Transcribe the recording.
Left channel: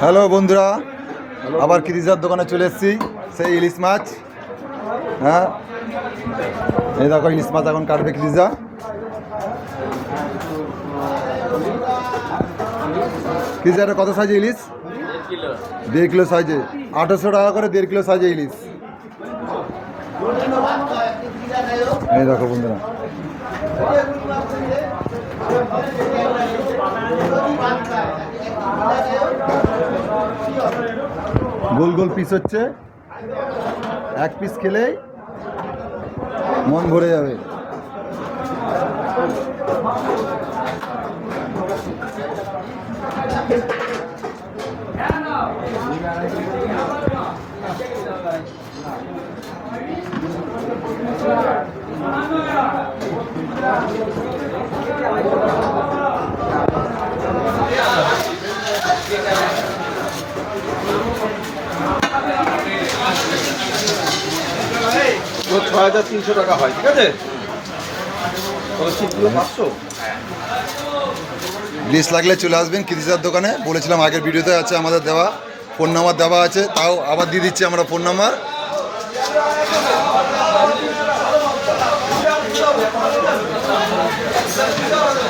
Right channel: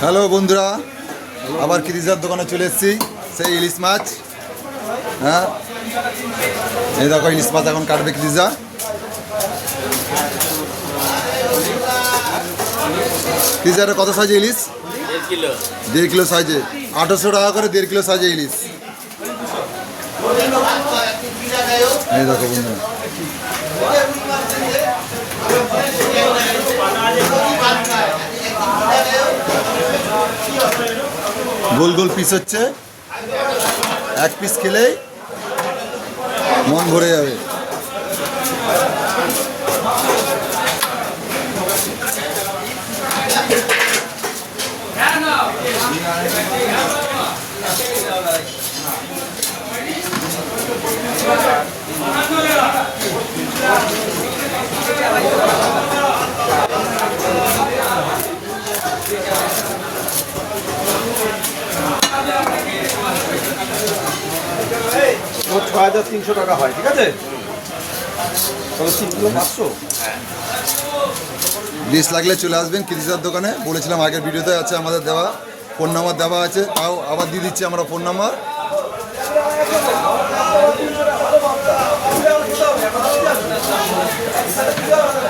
Hello বন্ধুরা, আবার কৃষিজার দোকানে চলে এসেছি। সেই ইলিশ মাছ, হ্যাঁ এই দেখো ইলিশ মাছ এখন কাটবে কৃষিজা। কৃষিজারে কত সাইজে ইলিশ? 1.5 কিলো সাইজে, 800 টাকা করে 1.5 কিলো সাইজে ইলিশ। এই দেখো বন্ধুরা, গোল গোল পিস হচ্ছে, এক পিস খেলেই মন ভরে যাবে। তো 6,300 টাকা হয়, ঠিক আছে? তবে 3 কিলো 500। ইলিশ লাগলে চলে আসবেন কৃষিজার দোকানে। বলেছিলাম আগের ভিডিওতে আছে আমাদের দেওয়া ফোন নাম্বার দেওয়া আছে, তাও আবার দিয়ে দিচ্ছি আমরা ফোন নাম্বার।